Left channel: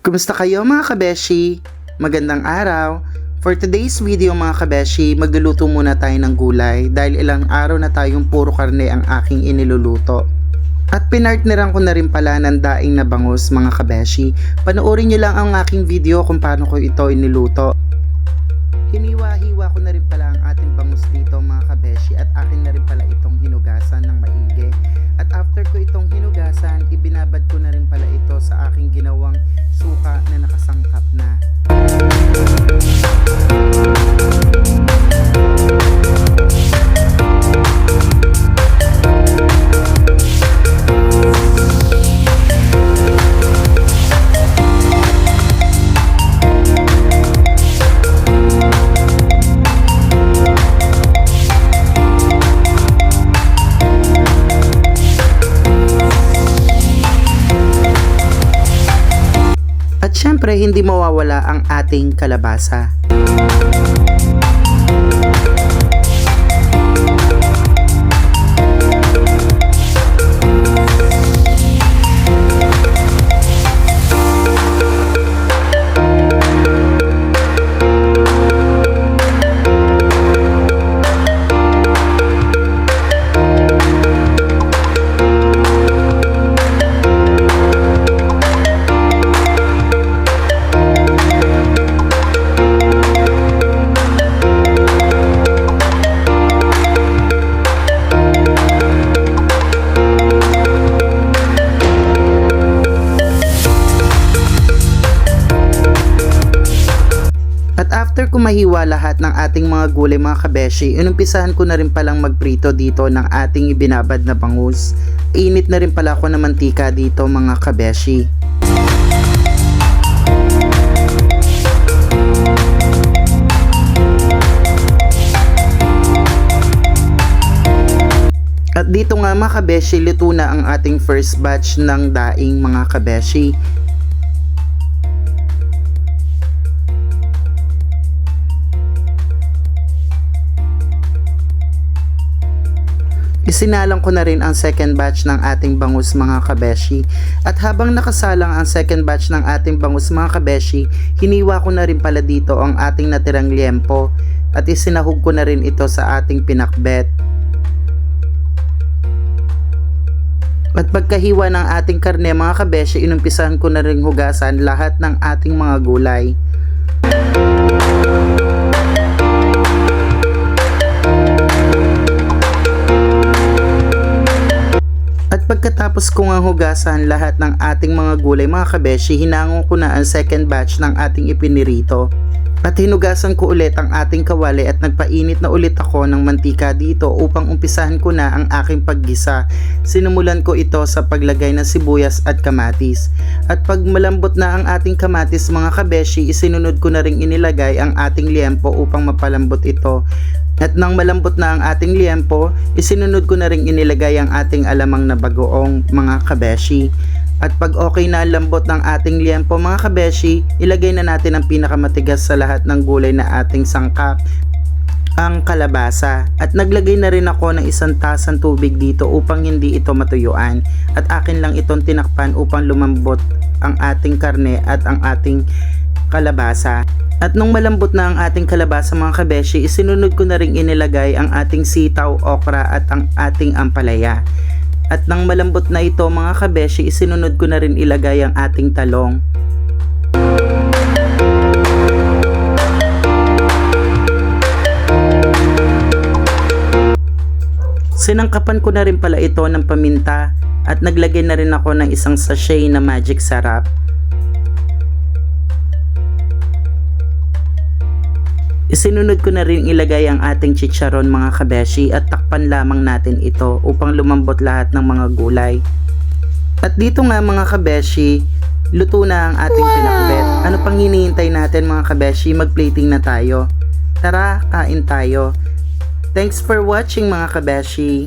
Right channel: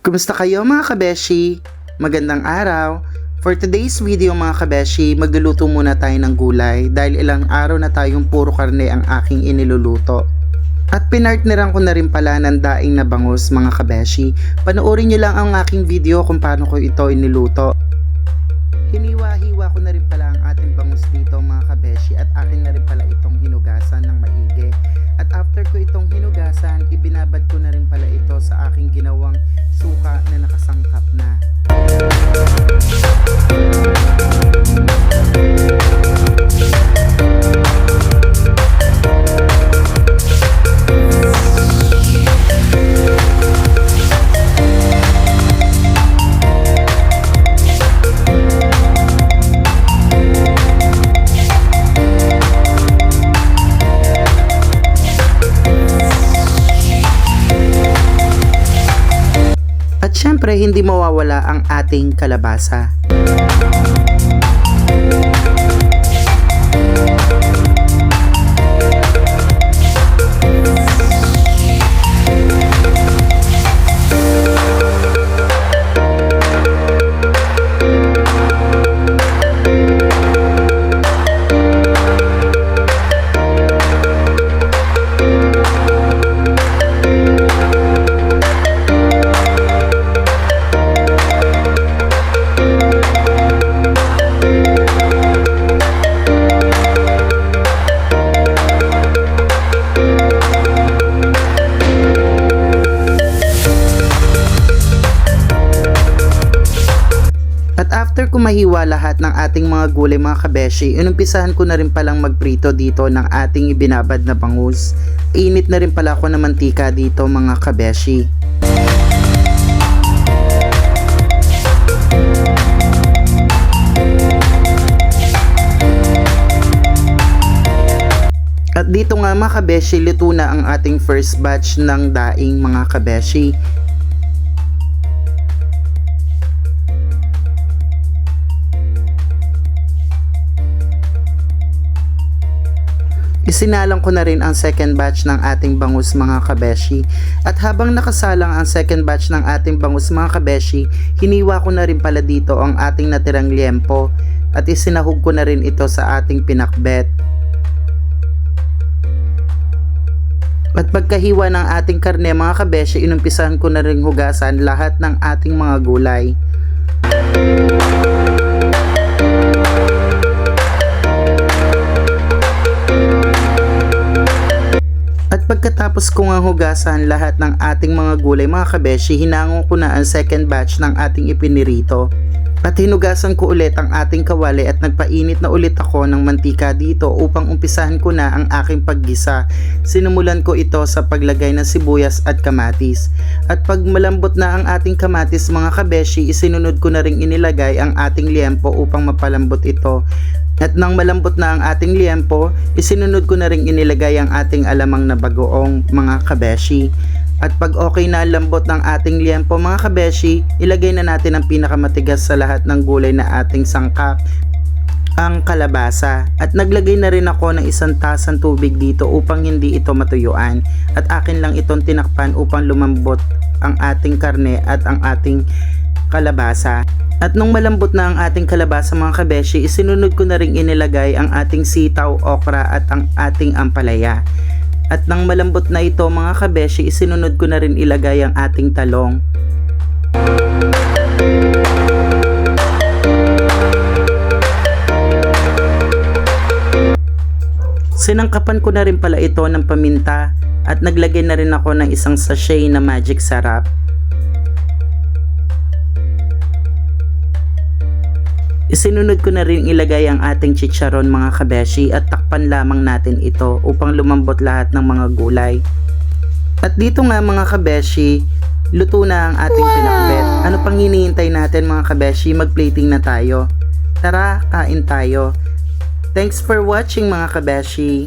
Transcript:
Kumusta kayo mga kabeshi? Magandang araw! For today's video mga kabeshi, magluluto muna tayo ng gulay dahil ilang araw na tayong puro karne ang aking iniluluto. At pinartneran ko na rin pala ng daing na bangus mga kabeshi. Panoorin nyo lang ang aking video kung paano ko ito iniluto. Hiniwa-hiwa ko na rin pala ang ating bangus dito mga kabeshi at akin na rin pala itong hinugasan ng maigi. At after ko itong hinugasan, ibinabad ko na rin pala ito sa aking ginawang suka na nakasangkap na. At syempre, hindi mawawala ang ating kalabasa. At after ko mahiwa lahat ng ating mga gulay mga kabeshi, inumpisahan ko na rin palang magprito dito ng ating ibinabad na bangus. Init na rin pala ako ng mantika dito mga kabeshi. At dito nga mga kabeshi, luto na ang ating first batch ng daing mga kabeshi. Isinalang ko na rin ang second batch ng ating bangus mga kabeshi. At habang nakasalang ang second batch ng ating bangus mga kabeshi, hiniwa ko na rin pala dito ang ating natirang liempo at isinahog ko na rin ito sa ating pinakbet. At pagkahiwa ng ating karne mga kabeshi, inumpisahan ko na rin hugasan lahat ng ating mga gulay. At pagkatapos ko nga hugasan lahat ng ating mga gulay mga kabeshi, hinango ko na ang second batch ng ating ipinirito. At hinugasan ko ulit ang ating kawali at nagpainit na ulit ako ng mantika dito upang umpisahan ko na ang aking paggisa. Sinumulan ko ito sa paglagay ng sibuyas at kamatis. At pag malambot na ang ating kamatis mga kabeshi, isinunod ko na ring inilagay ang ating liempo upang mapalambot ito. At nang malambot na ang ating liempo, isinunod ko na ring inilagay ang ating alamang na bagoong mga kabeshi. At pag okay na ang lambot ng ating liempo mga kabeshi, ilagay na natin ang pinakamatigas sa lahat ng gulay na ating sangkap, ang kalabasa. At naglagay na rin ako ng 1 tasang tubig dito upang hindi ito matuyuan. At akin lang itong tinakpan upang lumambot ang ating karne at ang ating kalabasa. At nung malambot na ang ating kalabasa mga kabeshi, isinunod ko na rin inilagay ang ating sitaw, okra at ang ating ampalaya. At nang malambot na ito mga kabeshi, isinunod ko na rin ilagay ang ating talong. Sinangkapan ko na rin pala ito ng paminta at naglagay na rin ako ng 1 sachet na magic sarap. Isinunod ko na rin ilagay ang ating chicharon mga kabeshi at takpan lamang natin ito upang lumambot lahat ng mga gulay. At dito nga mga kabeshi, luto na ang ating pinakbet. Ano pang hinihintay natin mga kabeshi? Mag-plating na tayo. Tara, kain tayo. Thanks for watching mga kabeshi.